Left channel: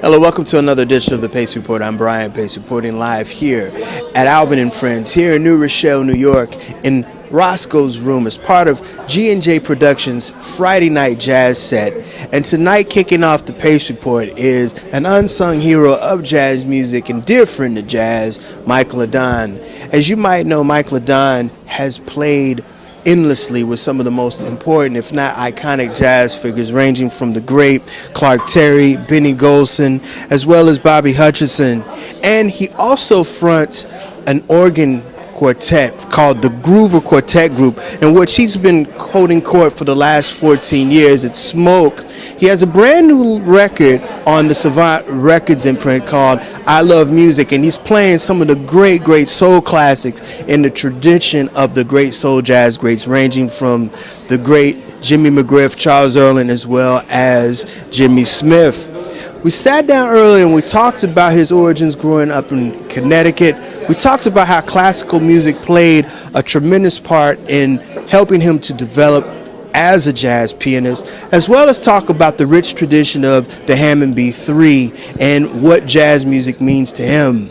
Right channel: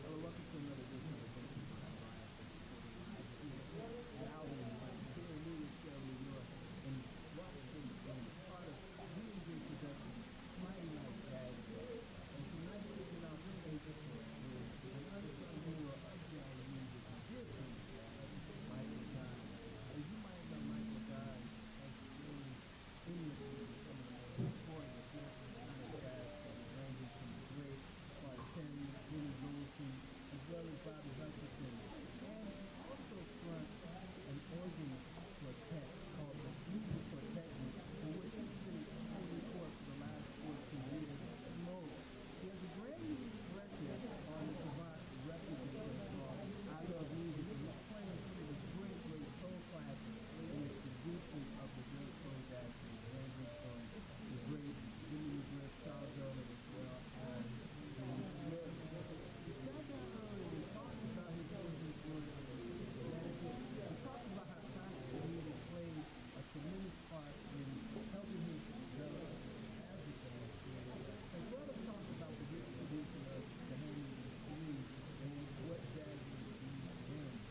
Hello, welcome to another edition of the Pace Report. I'm Brian Pace, reporting live here at Alvin and Friends, here in New Rochelle, New York, in Roscoe's room as part of G&J Productions' Friday night jazz set. And tonight, kicking off the Pace Report is an unsung hero of jazz music and dear friend of jazz, Mike LeDonne. As you might know, Mike LeDonne has played endlessly with some of the most important, if not iconic, jazz figures, ranging from the great Clark Terry, Benny Golson, as well as Bobby Hutcherson. And he also fronts an organ quartet called the Groover Quartet Group, in which he's been holding court for the last 14 years. It's Smoke. He has a brand new record on the Savant Records imprint called I Love Music, and he's playing some of the great soul classics in the tradition of the great soul jazz greats, ranging from the great Jimmy McGriff, Charles Earland, as well as Jimmy Smith. We sat down earlier and we talked about his origins growing up in Connecticut. We talked about how classical music played a tremendous part in helping him to develop as a jazz pianist, as well as talk about the rich tradition of the Hammond B3 and what jazz music means to him.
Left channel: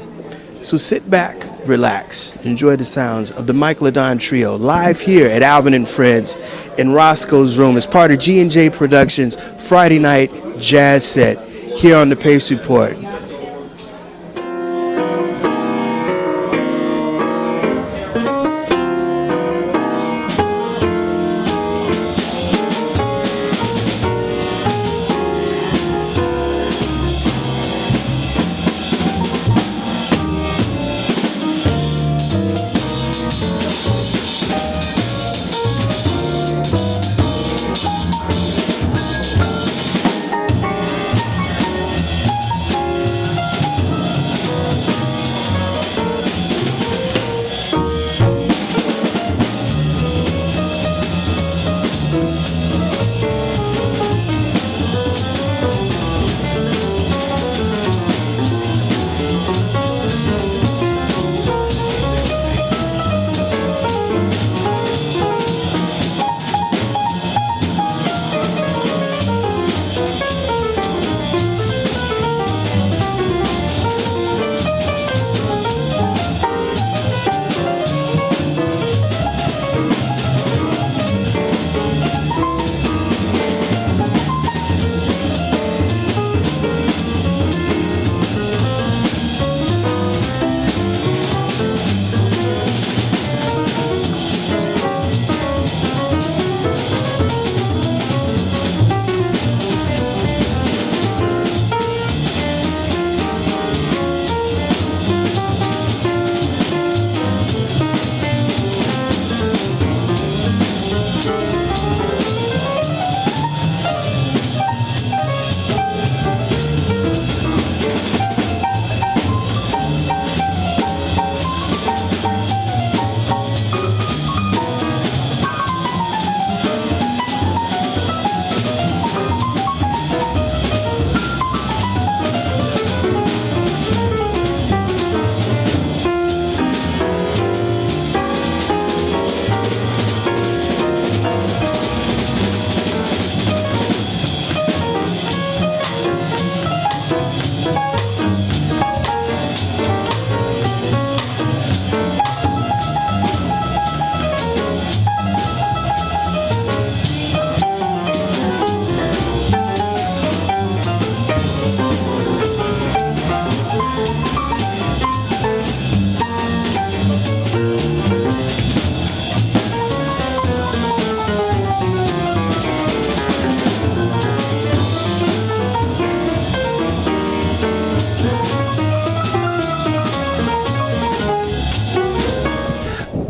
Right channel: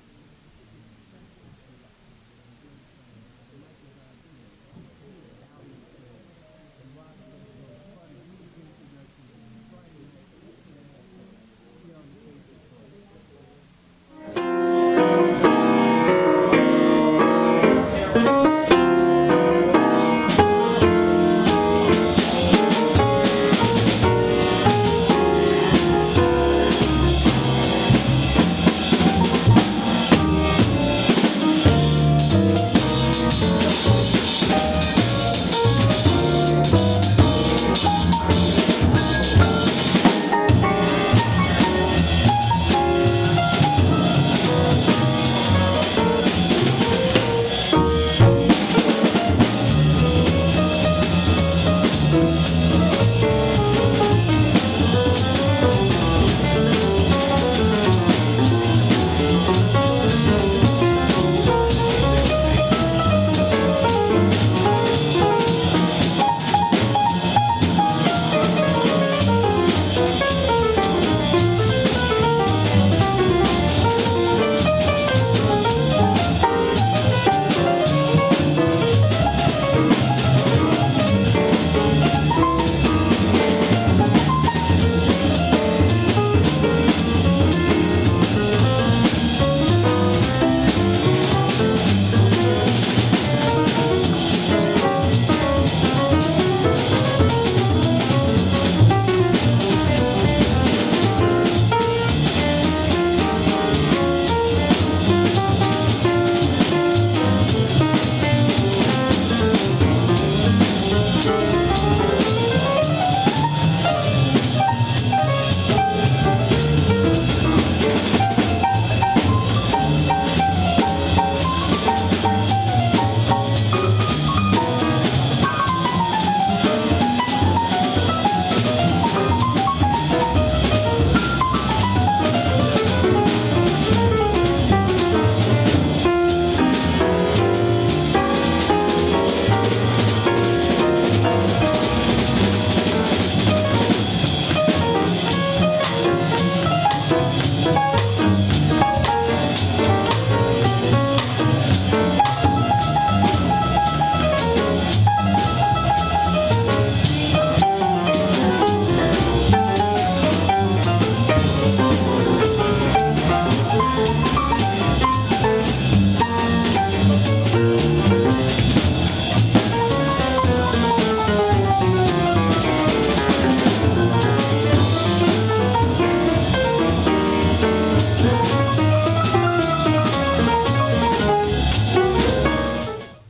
So sit back, relax, enjoy the sounds of the Mike LeDonne Trio live here at Alvin and Friends in Roscoe's room as part of G&J Productions' Friday night jazz set here on the Pace Report.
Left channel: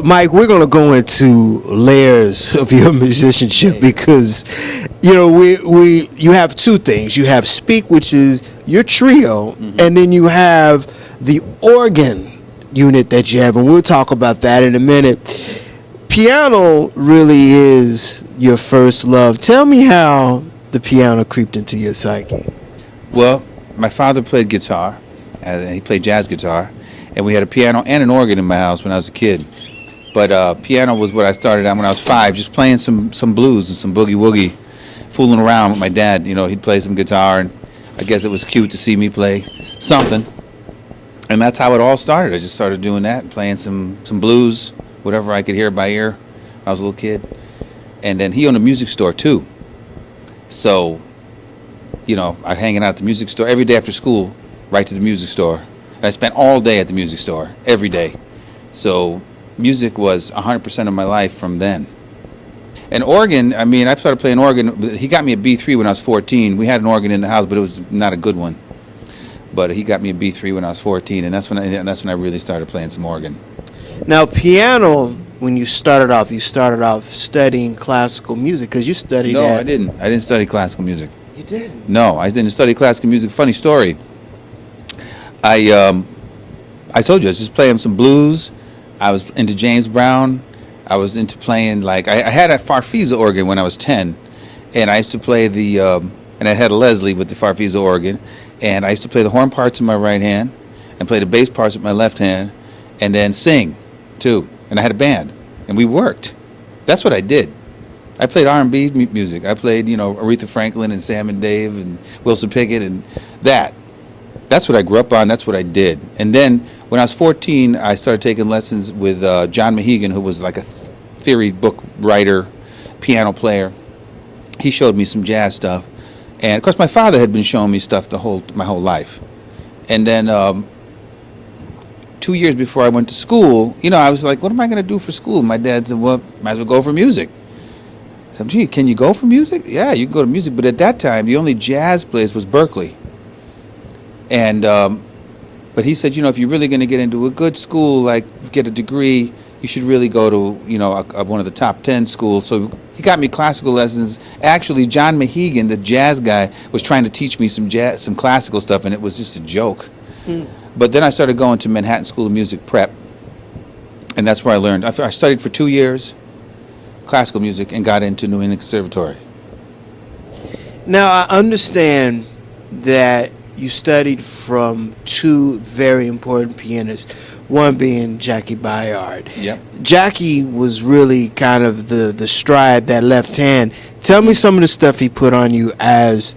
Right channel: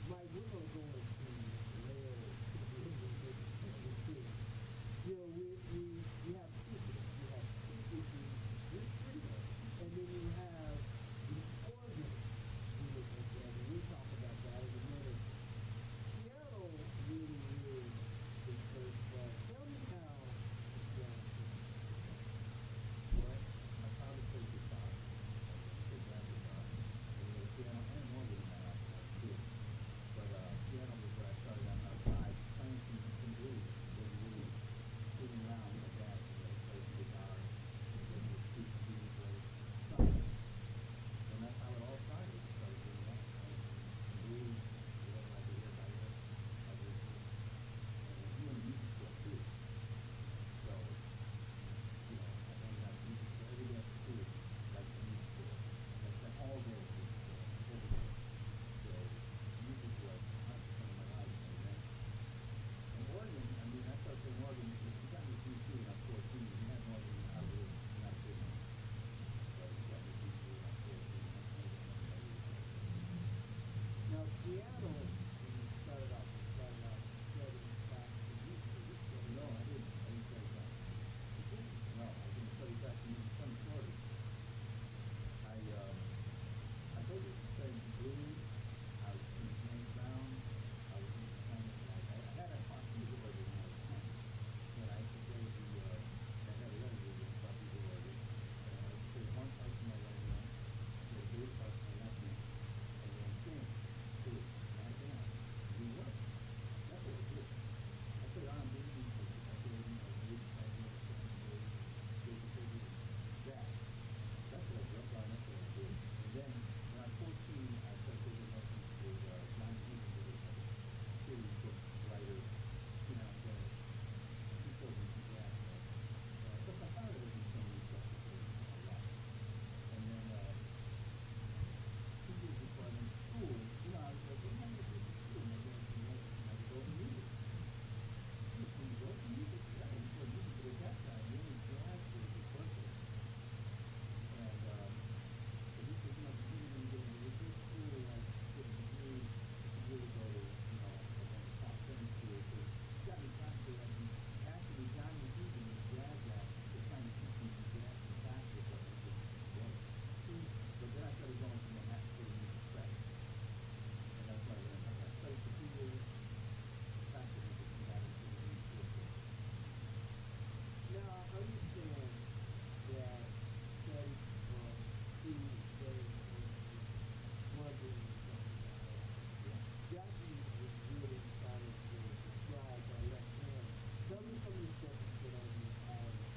Mike, we're going to go into layers of your musicianship because, you know, you have two things. You have Speak, which is your trio, and then you have the organ unit that you have, and we'll talk about that in a minute. Piano really is your first love. Tell me how the piano creeped into your psyche. Well, my father played guitar. He played jazz guitar, and we had a piano and an organ in my house when I was a kid. But piano was what I started on when I was 5, just playing some blues and some boogie woogie, fooling around with my dad. You know, he'd play some guitar, and I guess it was cute to see me play something. And that's how it all started. I just started doing that, playing some blues, whatever I could hear by ear when I was a little kid. And then he owned a music store too. So, you know, I hanging out at the music store every day after school, right to the music store. And I spent all day at the music store, every day. So music was 100% of my life from then. And organ, I mean, I started playing organ. He got me a B3 when I was 14. We had an organ in the house, but it was not a good one. But he got me a B3 when I was 14, and that's when I really started playing some organ. Now, piano, when you started off studying classical music, because you studied No, at... I didn't. I didn't study classical music. You didn't? No, I didn't study classical music. Funny story. I told you, I was just playing some blues. I was into James Brown. I was into playing, like, I had a Farfisa organ when I was 10, and I used to play and I had a Leslie with the Farfisa organ, and I used to play the horn parts in my right hand and play the bass parts with my left hand and then sing, too. And I had a band, and we worked. That's what I did. I played R&B music. I played, you know, Aretha Franklin and Sam and Dave and Wilson Pickett and that. That's what I grew up on. That's what I did. And then when I was 14, I started taking lessons with John Mahegan, who was like a theory book writer, piano player. He showed me some jazz stuff. And, of course, my father had been showing me stuff my whole life. And then 2 years before I went to school, you know, I was like, what am I going to do for school? My dad said, well, might as well go for music. I said, gee, can you go for music? Yeah, you can go to music. But at that time, the only jazz place was Berkeley. And but he said, you know, if you're really going to get into a good school, like get a degree, you should really go to, you know, one of the top 10 schools. So he got me classical lessons. Actually, John Mahegan, the jazz guy, was trying to teach me some classical stuff, and it was just a joke. But then I started going to Manhattan School of Music Prep, and that's where I learned. I studied for 2 years, classical music, and got into New England Conservatory. Now, I understand that you studied from two very important pianists, one being Jackie Bayard. Yep. Jackie was really kind of the stride, that left hand. Tell me some of the stuff he put on you as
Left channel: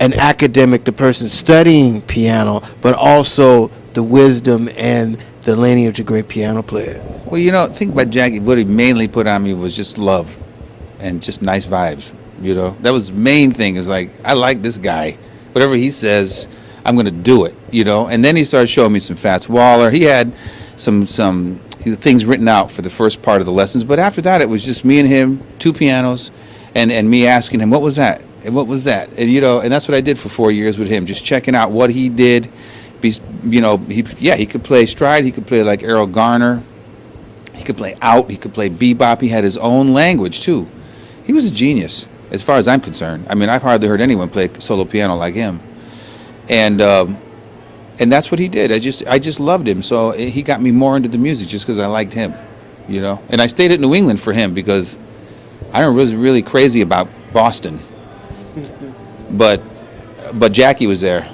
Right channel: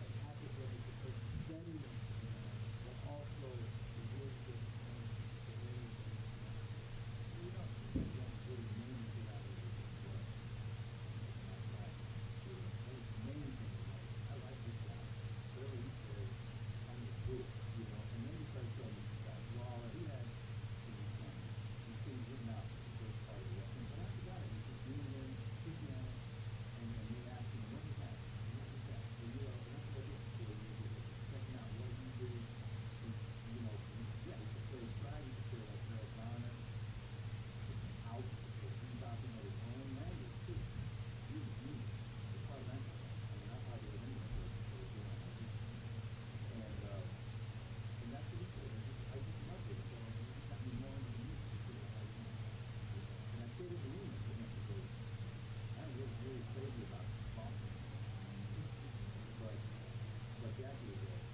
an academic, the person studying piano, but also the wisdom and the lineage of great piano players. Well, you know, think about Jackie. What he mainly put on me was just love and just nice vibes, you know. That was the main thing. It was like, I like this guy. Whatever he says, I'm going to do it, you know. And then he started showing me some Fats Waller. He had some things written out for the first part of the lessons. But after that, it was just me and him, two pianos, and me asking him, what was that? And what was that? And, you know, and that's what I did for 4 years with him, just checking out what he did. You know, he could play stride. He could play like Errol Garner. He could play out. He could play bebop. He had his own language, too. He was a genius, as far as I'm concerned. I mean, I've hardly heard anyone play solo piano like him. And that's what he did. I just loved him. So he got me more into the music just because I liked him, you know. And I stayed at New England for him because I was really crazy about Boston. But Jackie was there.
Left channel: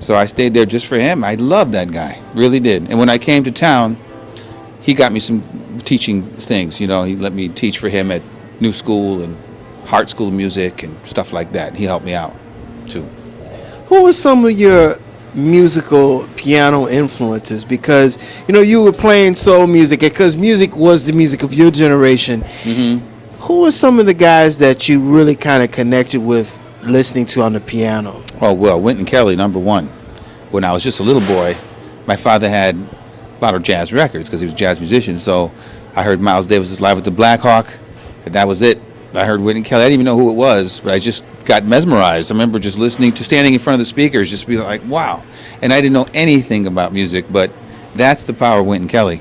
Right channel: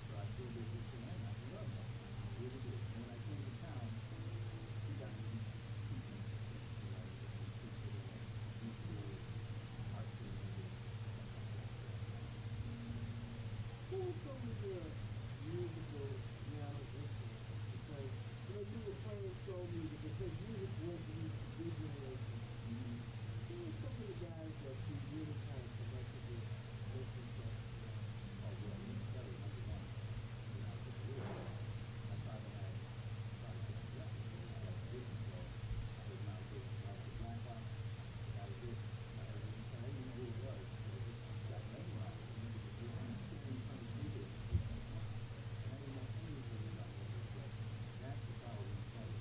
So I stayed there just for him. I loved that guy, really did. And when I came to town, he got me some teaching things, you know. He let me teach for him at New School and Hart School of Music and stuff like that. He helped me out, too. Who were some of your musical piano influences? Because, you know, you were playing soul music, because music was the music of your generation. Mm-hmm. Who were some of the guys that you really kind of connected with listening to on the piano? Oh, well, Wynton Kelly, number one. When I was just a little boy, my father had a lot of jazz records because he was a jazz musician. So I heard Miles Davis' Live at the Black Hawk, and that was it. I heard Wynton Kelly. I didn't even know who it was, but I just got mesmerized. I remember just standing in front of the speakers, just being like, wow. And I didn't know anything about music, but that's the power of Wynton Kelly.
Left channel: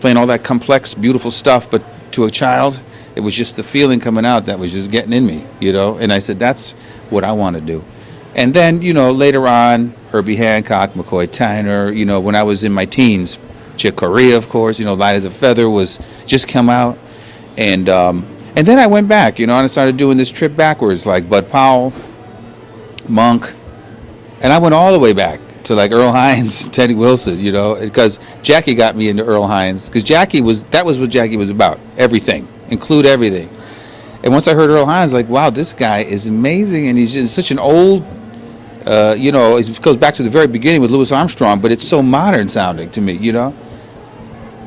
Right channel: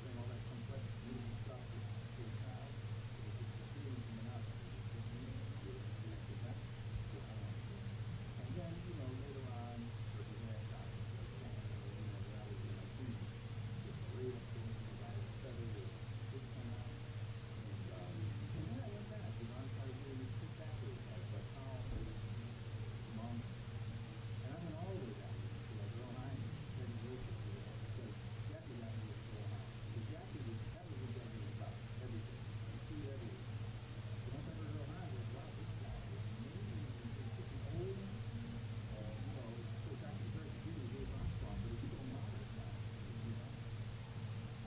Playing all that complex, beautiful stuff, but to a child, it was just the feeling coming out that was just getting in me, you know. And I said, that's what I want to do. And then, you know, later on, Herbie Hancock, McCoy Tyner, you know, when I was in my teens, Chick Corea, of course, you know, Light as a Feather was just come out. And then I went back, you know, and I started doing this trip backwards, like Bud Powell, Monk, and I went all the way back to like Earl Hines, Teddy Wilson, you know, because Jackie got me into Earl Hines, because that was what Jackie was about, everything, include everything. And once I heard Earl Hines, like, wow, this guy is amazing, and he's just such an old It goes back to the very beginning with Louis Armstrong, but it's so modern sounding to me,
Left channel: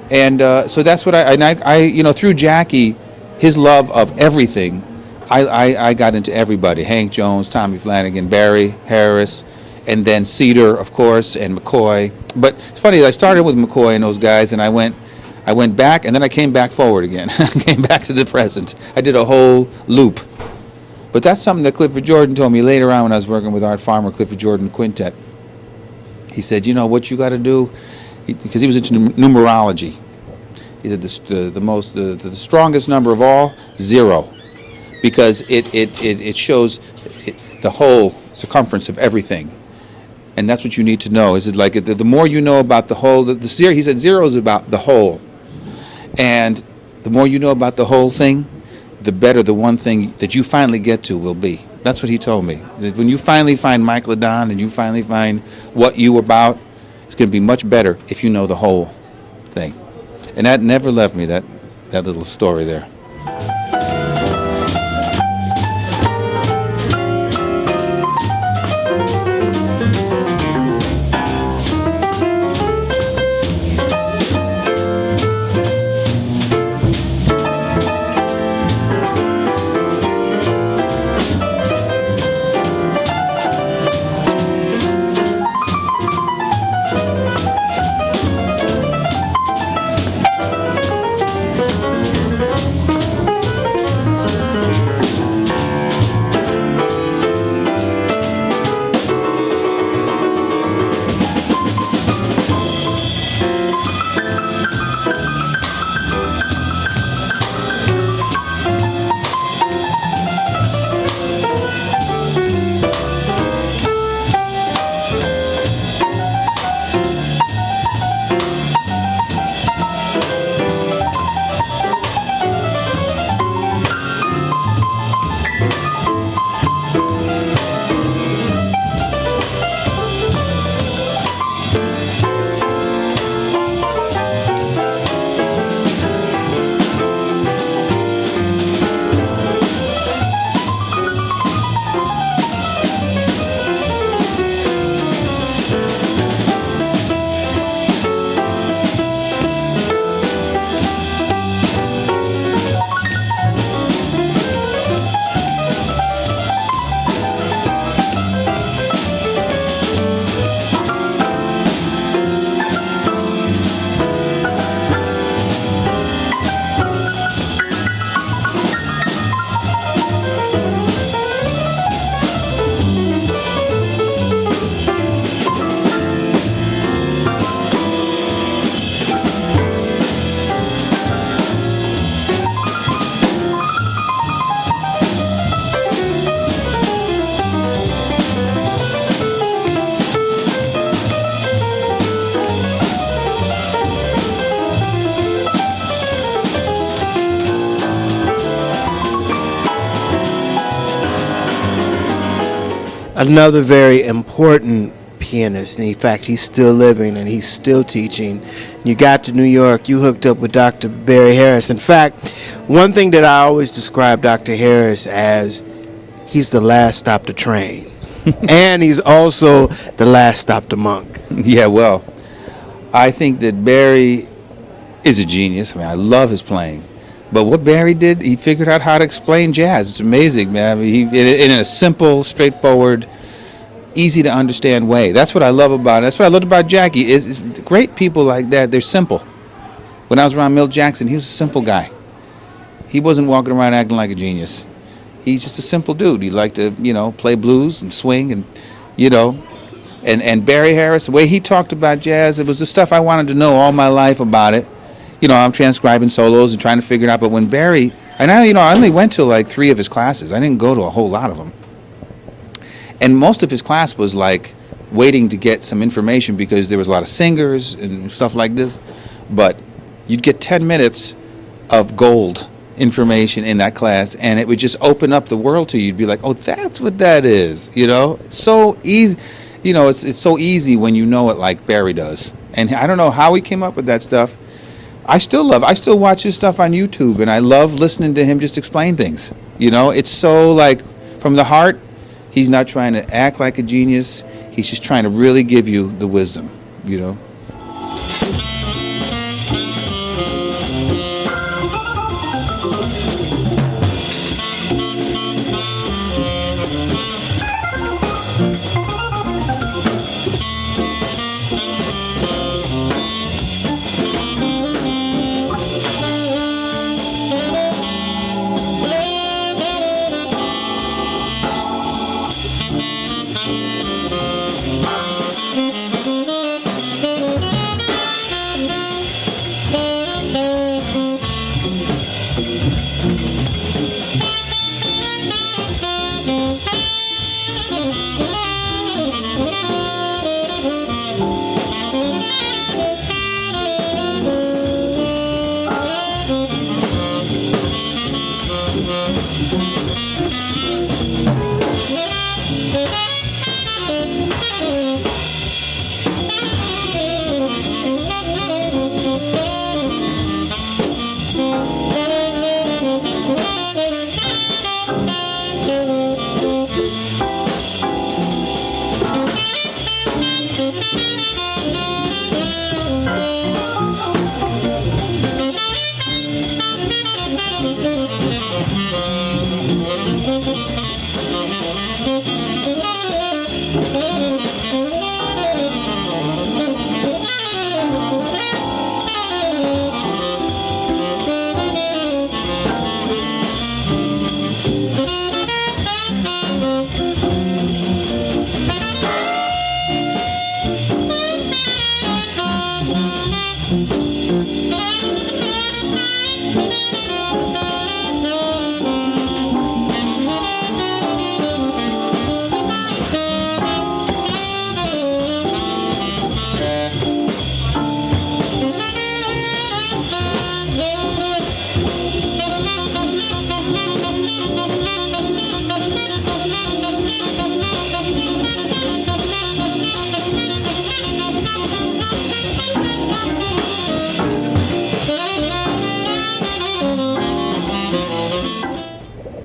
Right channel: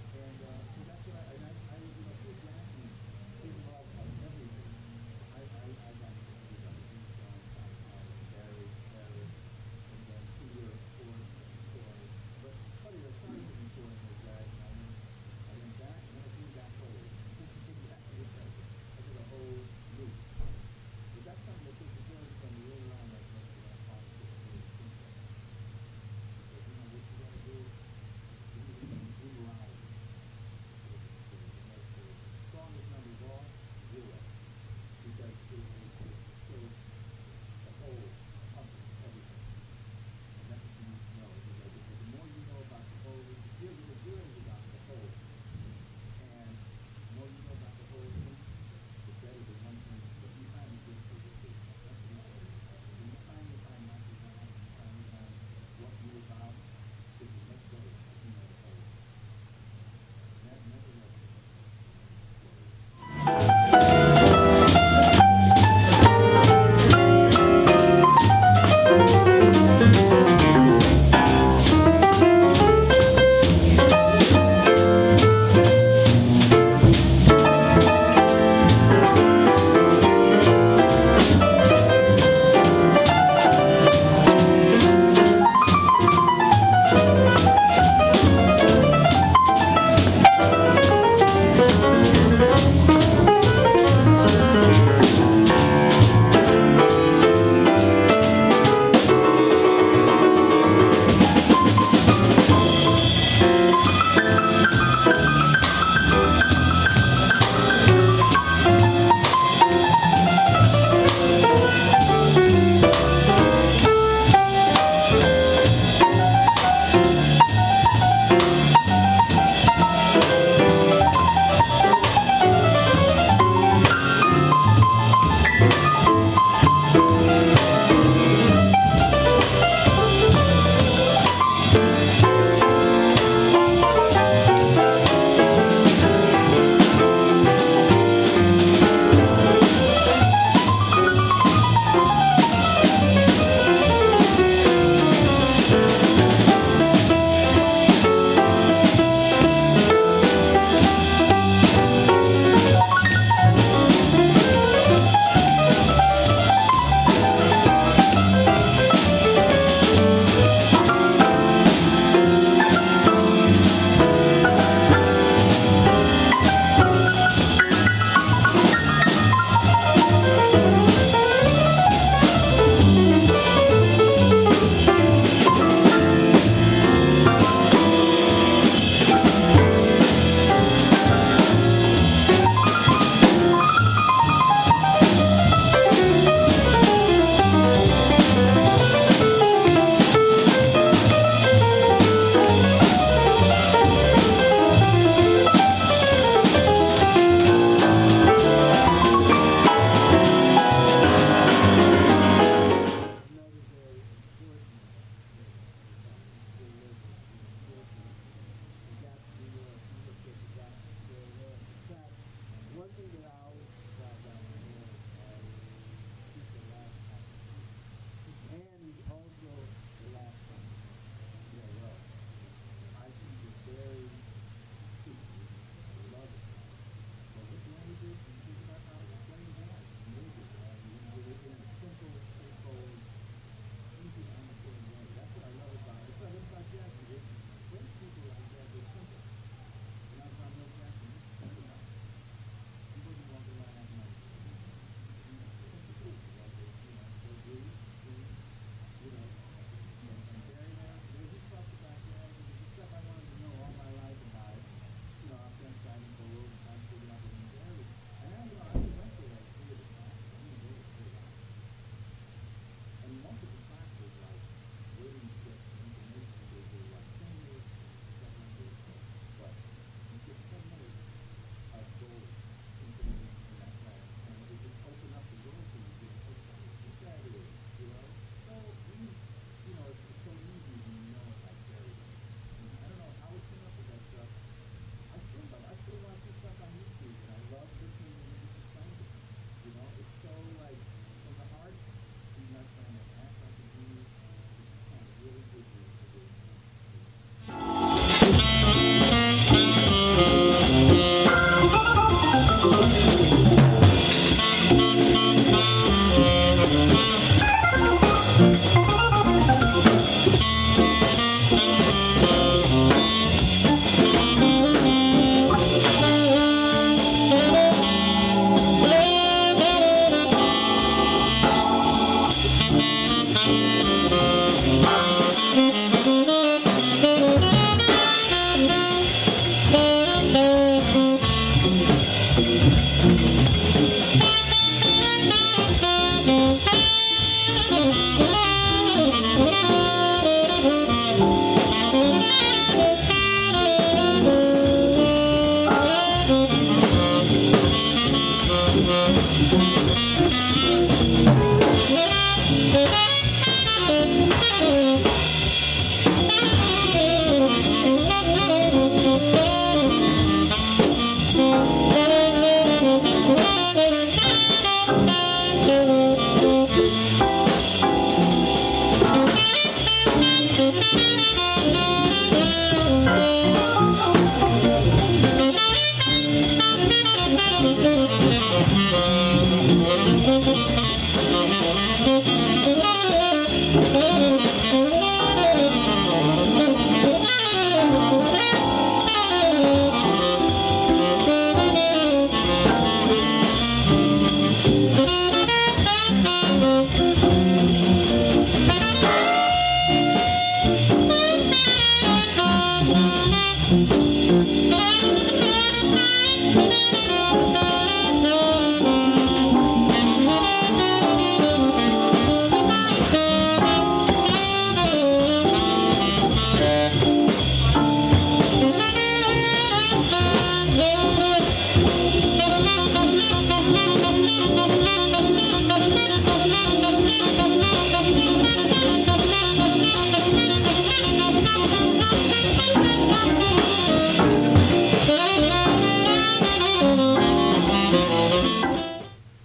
And so that's what through Jackie, his love of everything, I got into everybody: Hank Jones, Tommy Flanagan, Barry Harris, and then Cedar, of course, and McCoy. But it's funny, I started with McCoy and those guys, and I went back, and then I came back forward again. I came back to the present. I did a whole loop. But that's something that Clifford Jordan told me later on when I was working with Art Farmer, Clifford Jordan Quintet. He said, what you got to do, because he was into numerology. He said the strongest number of all, 0, because it shows the whole circumference of everything. And that's what you need to know. Is it like the more you know about the whole, he said 0 is about the whole. And the more you know about the whole thing, the better the one thing that you finally get to will be. That's what he told me. That when you finally find Mike LeDonne and you finally find what you're about, it's going to be much better if you know the whole thing. And that never left me, that little story there. Another very important pianist, and in fact he's still living and he's still teaching. You got to New York, you hooked up with Dr. Barry Harris. In fact, one thing that I always describe Dr. Harris as, he's the last stop to train. And he's also the last stop to monk. Yeah, well, I think that Barry is a genius. I mean, I love his playing. But what Barry did, he figured out how to explain jazz. It's amazing, man. I mean, in a simple, straightforward, easy to understand way. That's what I love about it. That's what I loved about Jackie. Is great people like that, they're simple. When I was around Milt Jackson, he was a simple guy. He wasn't walking around acting like a genius. He's just a simple dude. He liked to, play blues and swing and, and Barry Harris, the way he talked about jazz, it was the stuff I wanted to know all my life about it. I'm transcribing solos and trying to figure it out. But when Barry, and I only went to like 3 of his classes. I didn't go to a whole lot of them. And most of his class was like waiting to get some information because there was a lot of singers and stuff like this. But you'd get 10 minutes of gold information in that class, and it would just open up the world to you. You'd be like, oh, that's what that is. It's so easy. It's so easy when you know it like Barry does. And I don't know how he came up with that stuff. I still watch his stuff on YouTube, and I love listening to him just explain things. It's so like from the heart, He's not trying to act like a genius. He's just trying to really give you the wisdom, you know.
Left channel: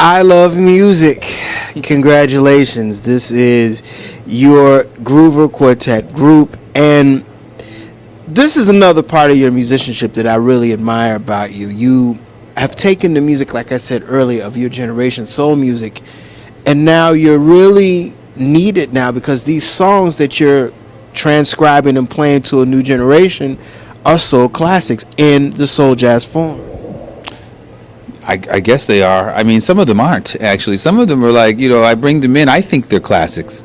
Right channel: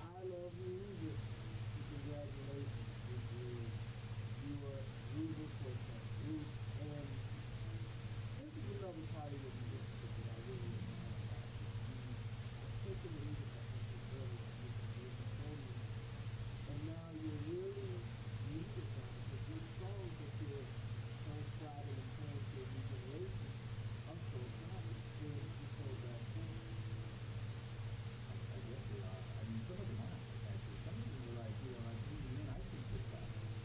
I love music. Congratulations. This is your Groover Quartet group, and this is another part of your musicianship that I really admire about you. You have taken the music, like I said earlier, of your generation, soul music, and now you're really needed now because these songs that you're transcribing and playing to a new generation are soul classics in the soul jazz form. I guess they are. I mean, some of them aren't, actually. Some of them are like, you know, I bring them in, I think they're classics.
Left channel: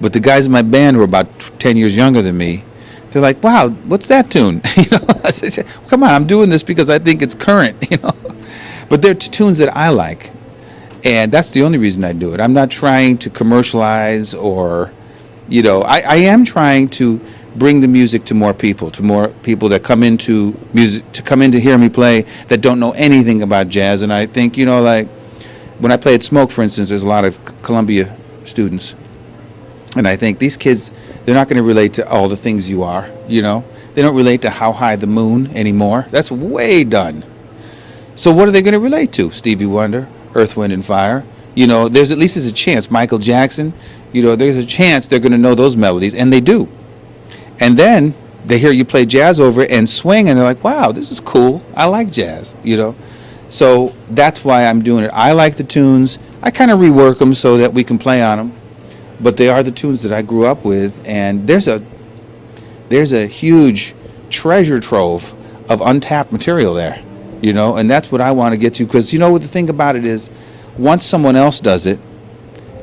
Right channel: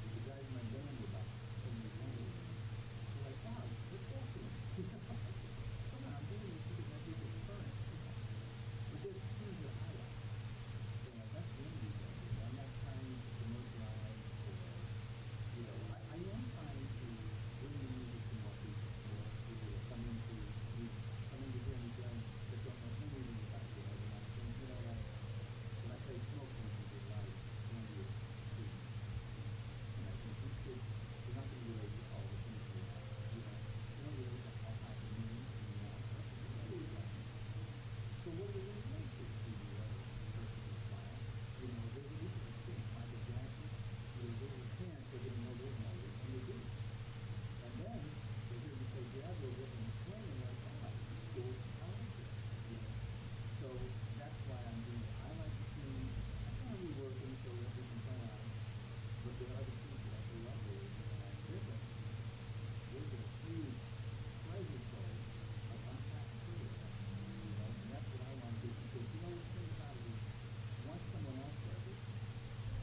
But the guys in my band who are about 10 years younger than me, they're like, wow, what's that tune? You know, I said, come on, I'm doing this because I think it's current, you know. But they're tunes that I like. And that's the only reason I do it. I'm not trying to commercialize or, you know, I am trying to bring the music to more people that come into music, to come in to hear me play that don't know anything about jazz. And I think, you know, like when I play at Smoke, for instance, there's a lot of Columbia students. And I think these kids, they're not going to relate to all the things you are, you know. They don't relate to How High the Moon anymore. That's way done. So what are they going to relate to? Stevie Wonder, Earth, Wind, and Fire. You know, there's at least a chance. Michael Jackson, you know, there's a chance they're going to know those melodies, and they do. And then they hear you play jazz over it and swing, and they're like, wow, this is cool. I like jazz, you know. So that's why I'm doing it. I like the tunes. I kind of rework them so that we can play on them. But they are the tunes that I grew up with, and there's a huge treasure trove of untapped material there, you know, and that's what I want to get to, because, you know, what the thing about it is, once someone else does it,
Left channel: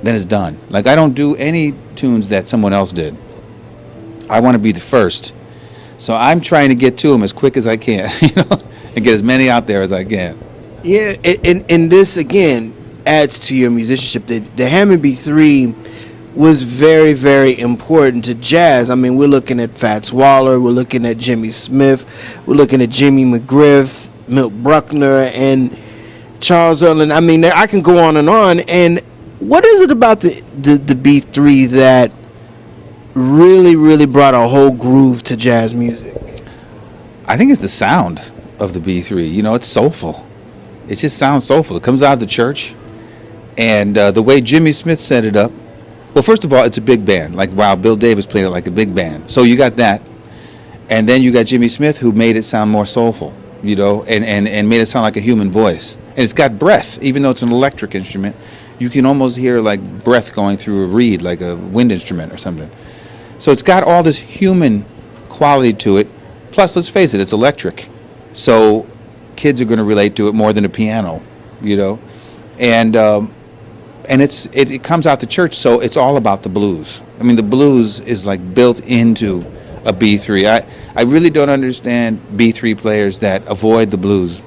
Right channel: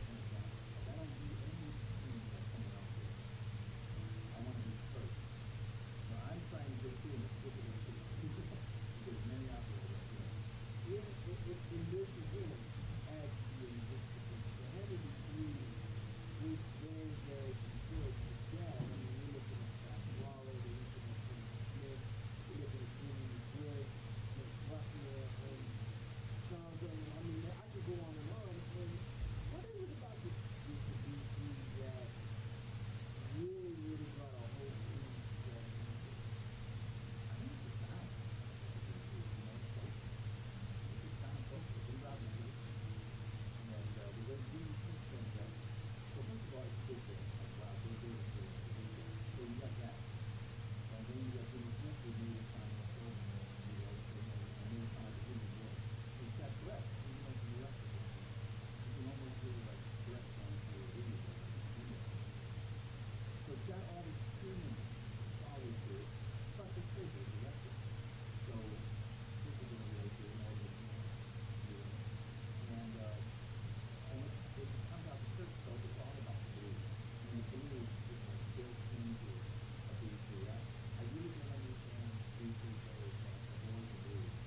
then it's done. Like, I don't do any tunes that someone else did. I want to be the first. So I'm trying to get to them as quick as I can, you know, and get as many out there as I can. Yeah, and this, again, adds to your musicianship. The Hammond B3 was very, very important to jazz. I mean, we're looking at Fats Waller, we're looking at Jimmy Smith, we're looking at Jimmy McGriff, Milt Bruckner, and Charles Earland. I mean, I can go on. And what is it about the B3 that really, really brought a whole groove to jazz music? I think it's the sound of the B3. You know, it's soulful. It just sounds soulful. It comes out of the church. And the way Jimmy Smith set it up, Well, first of all, it's a big band. Like, wow, Bill Davis played it like a big band. So you got that. And then you got Jimmy Smith, who made it sound more soulful, you know, and made it sound like a human voice. And it's got breath, even though it's an electric instrument. You can almost hear like breath going through a reed, like a wind instrument or something. So it's got all this human quality to it. Plus, let's face it, it's electric. So kids are going to relate to it more than a piano, you know. And it comes out the church, so it's all about the blues. I mean, the blues is like built into a B3. I really don't understand B3 players that avoid the blues,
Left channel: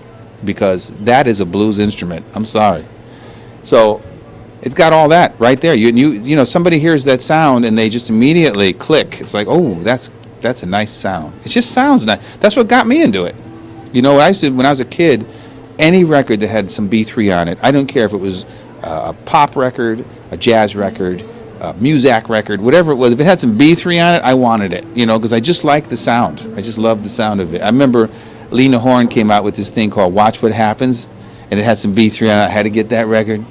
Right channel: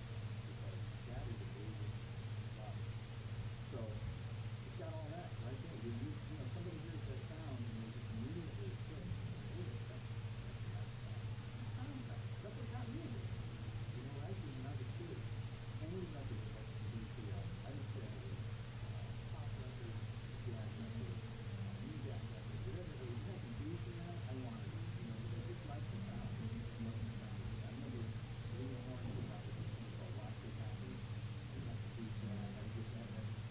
because that is a blues instrument. I'm sorry. So it's got all that right there. You know, somebody hears that sound and they just immediately click. It's like, oh, that's a nice sound. It just sounds nice. That's what got me into it. You know, when I was a kid, any record that had some B3 on it, I don't care if it was a pop record, a jazz record, a Muzak record, whatever it was, if it had some B3 on it, I wanted it, you know, because I just liked the sound. I just loved the sound of it. I remember Lena Horne came out with this thing called Watch What Happens, and it had some B3 on it. I had to get that record.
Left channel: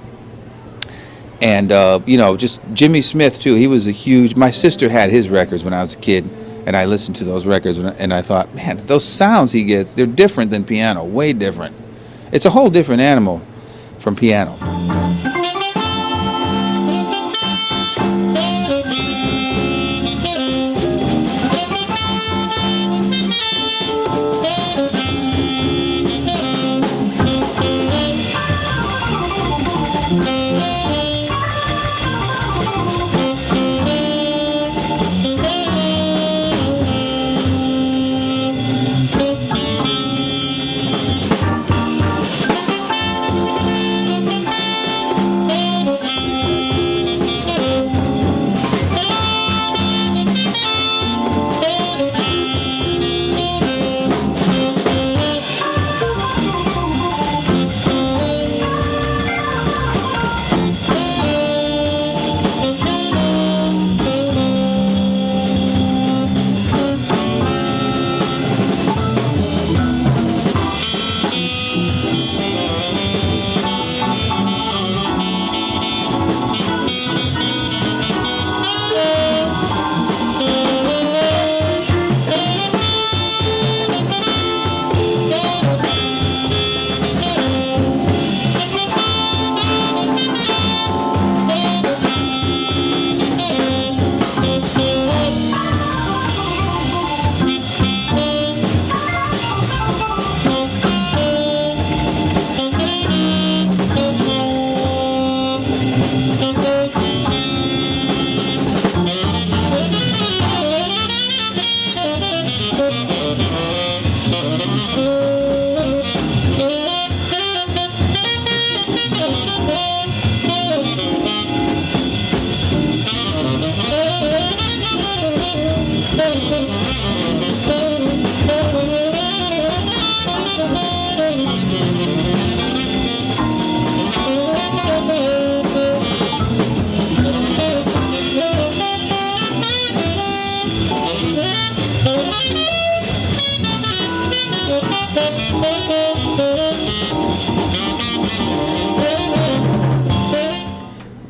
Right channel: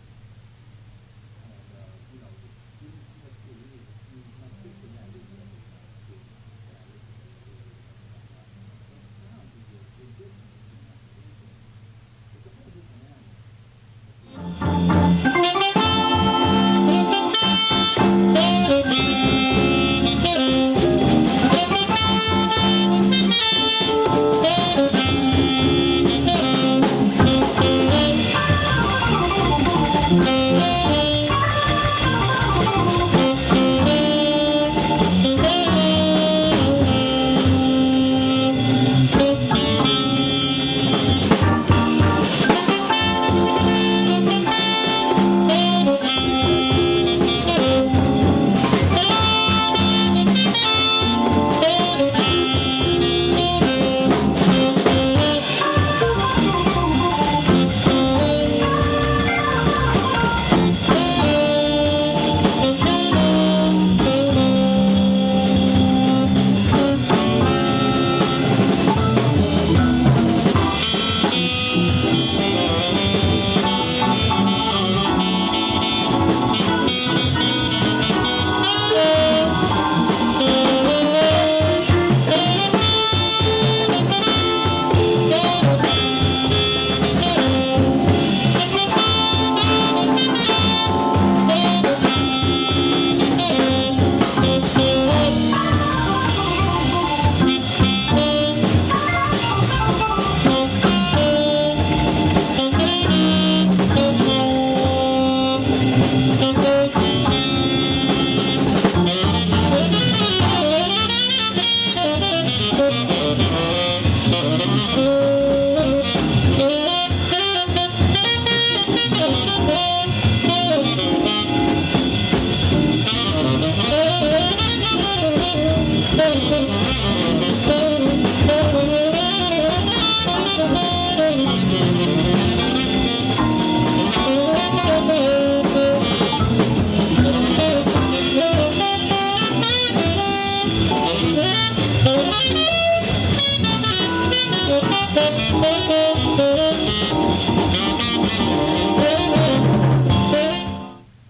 And, you know, just Jimmy Smith, too. He was a huge... My sister had his records when I was a kid, and I listened to those records, and I thought, man, those sounds he gets, they're different than piano, way different. It's a whole different animal from piano.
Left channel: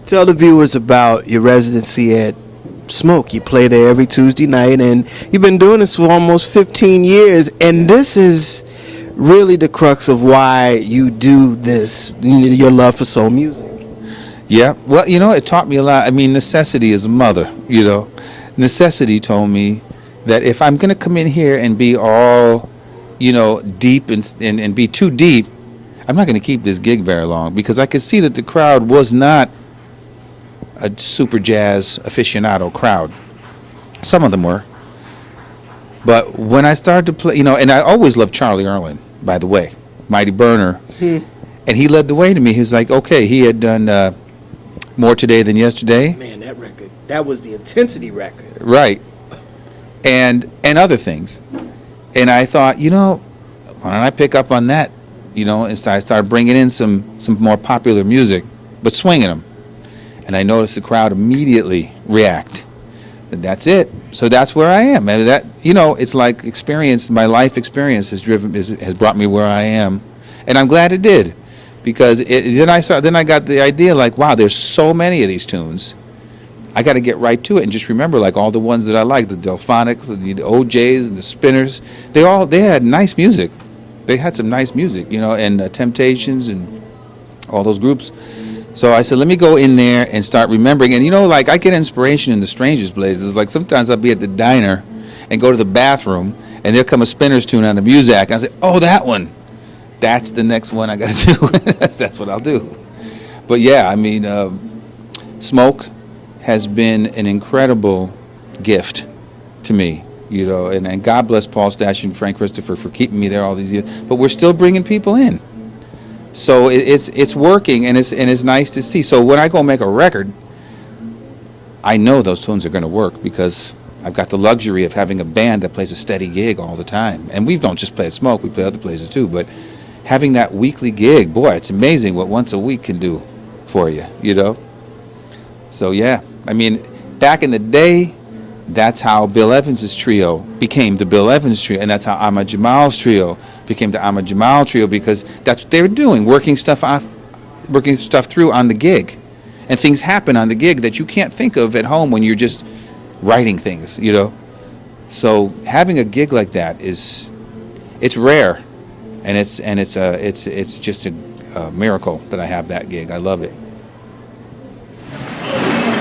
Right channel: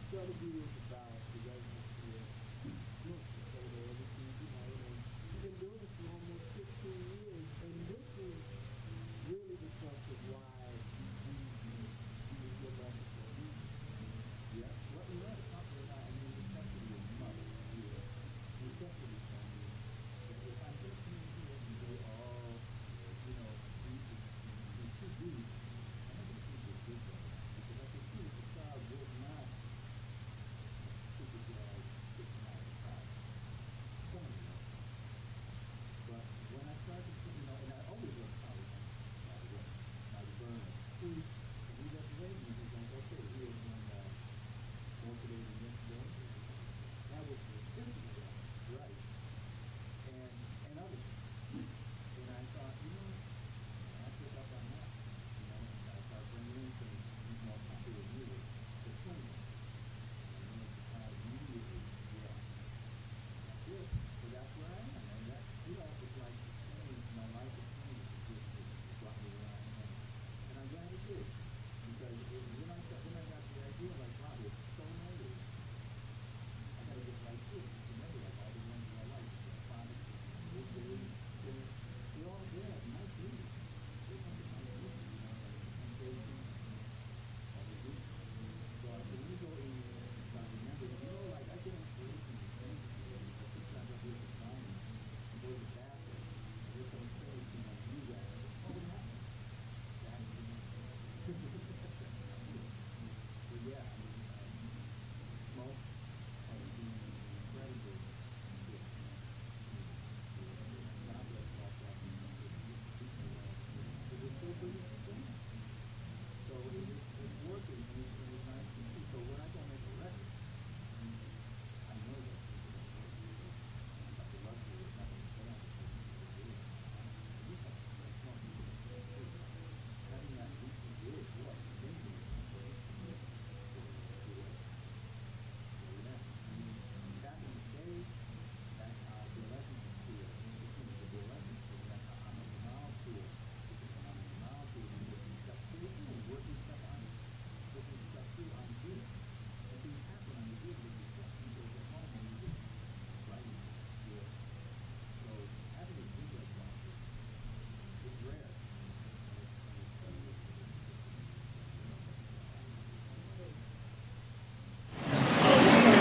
Tell the viewers about your residency at Smoke. You play there every Tuesday night, and you've been doing this for almost 15 years, and this is really the crux of why you do this, your love for soul music. Yeah, well, you know, it taught me a lot. I mean, necessity is a mother, you know. Necessity told me that if I'm going to come in here and be all, you know, deep and be too deep, I'm not going to keep this gig very long, because I could see that the crowd was not a super jazz aficionado crowd. Some of them were. But when I started to play, you know, and I always loved Charlie Earland, by the way, Mighty Burner. And he led the way to me. He was like, okay, he had done More Today Than Yesterday. Man, that record, that was the Intensity record. Right. And other things. And I thought, you know, why don't I pick up on that? You know, and so I started bringing in some more popular music, but swinging them. And I noticed the crowd immediately react. And that's it. So that's where I am. And that, you know, it's like experience. My life experience has brought me where I am, and I'm glad it did, because then I got the idea, like, wow, there's so many of these tunes. I got to get right to it and just remember like all the ones that I like, the Delphonics, and the OJs, and the Spinners. They had nice music. They had some nice music, you know, and Temptations and all those groups. So I said, let me go in there and start remembering. And, you know, like I get inspiration in the strangest places. Like sometimes I'll be at the diner and go to the bathroom, and there'll come a Spinners tune on the Muzak. And I say, oh, that one. That's the next one I got to do. That's what I'll do. But, yeah, I mean, Smoke has been an incredible gift to me, you know. And God bless Paul Stash and Frank Christopher for keeping me there all these years. But we're still bringing people in. So it's working, and it's nice to see. So when I go make a record, I know those tunes are going to work because I've got the luxury of having a band that plays a steady gig all the time. And we don't just play at Smoke, we play other places too. But having that weekly gig, boy, it's amazing what once a week can do for you, you know? So yeah, I mean, back in the day, that's how Bill Evans' trio became the Bill Evans trio, and that's how Ahmad Jamal's trio became the Ahmad Jamal trio, because that's what they were doing, working stuff through on the gig. And things happen on the gig that you can't think of at home when you're just writing things, you know. So having a gig like that it's rare, and it's just a miracle that I have that gig. I love it.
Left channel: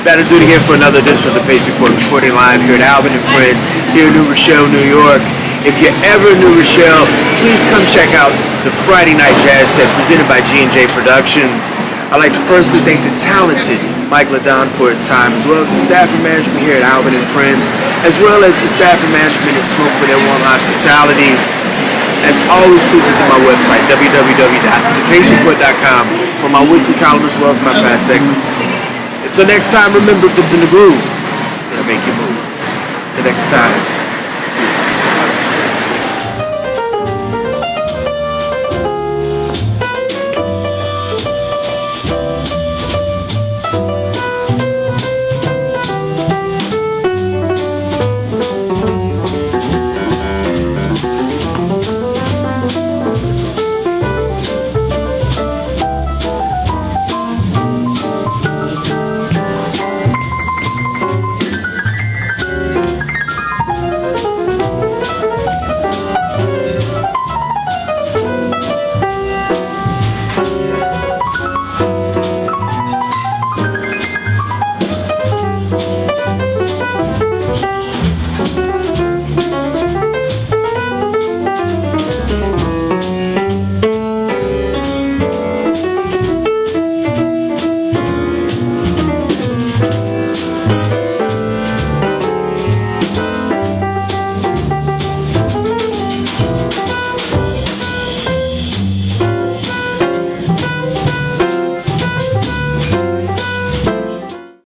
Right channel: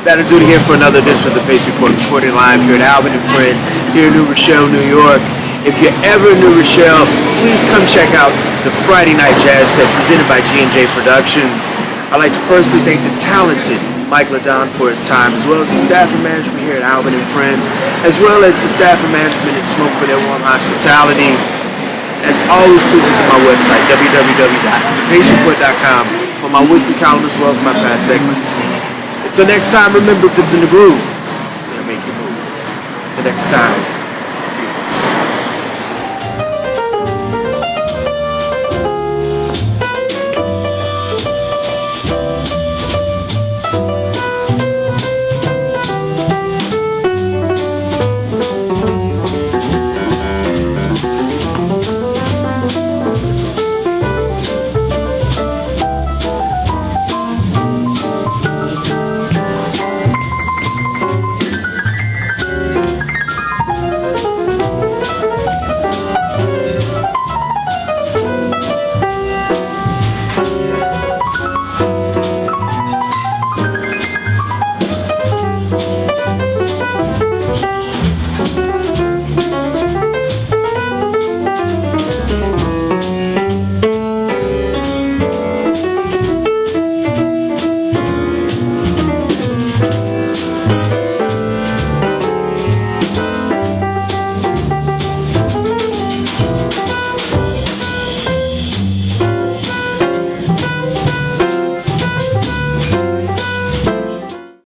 That'll do it again for another edition of the Pace Report, recording live here at Alvin and Friends, here in New Rochelle, New York. If you're ever in New Rochelle, please come check out the Friday Night Jazz Set presented by G&J Productions. I'd like to personally thank the talented Mike LeDonne for his time, as well as the staff and management here at Alvin and Friends, as well as the staff and management at Smoke for their warm hospitality. As always, please visit my website, www.thepacereport.com, for my weekly column as well as my past segments. Until next time, remember, if it's in the groove, it'll make you move. Until next time, peace.